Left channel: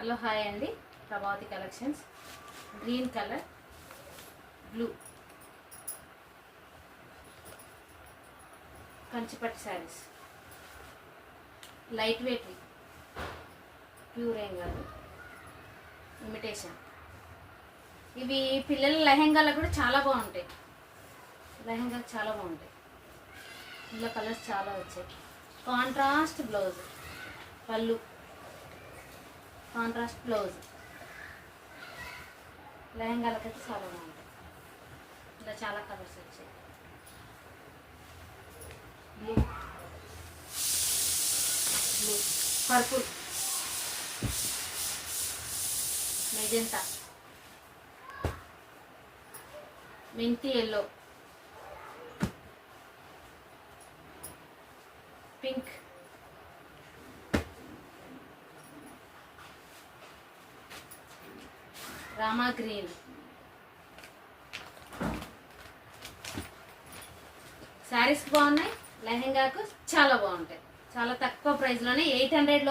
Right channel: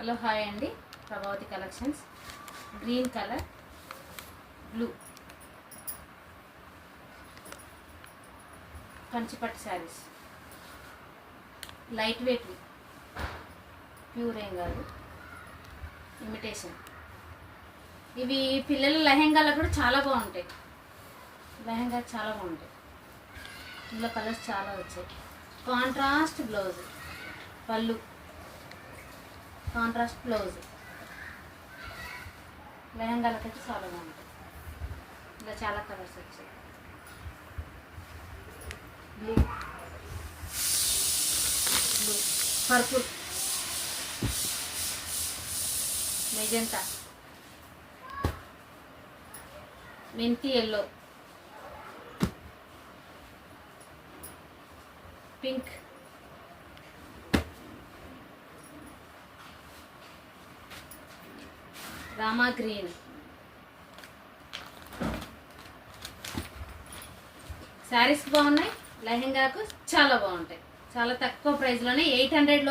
Hello hi అండి, Prabhavathi collections. Green colour, blue కంచిపట్టు saris, light weight, pure ఏం కాదు, ఇమిటేషన్. ఇవి పిల్లల లెహెంగాలకు కూడా చాలా బాగుంటాయి. లెహెంగా చాలా బాగుంటాయి. ఇందులో కలర్స్ చాలా వచ్చాయి. కాంట్రాస్ట్ బ్లౌజ్, పళ్ళు కాంట్రాస్ట్ బ్లౌజ్, లెహంగాలకైతే చాలా బాగుంటాయి. ఇలా చాలా కలర్స్ వచ్చాయి. బ్లూ, బ్లూ, పర్పుల్, మెజెంటా, మెంతి ఎల్లో, పింక్, రామా గ్రీన్. శారీస్ బాగున్నాయి, లెహెంగాకు చాలా బాగుంటాయి. చాలా తక్కువ ప్రైస్లోనే 800లో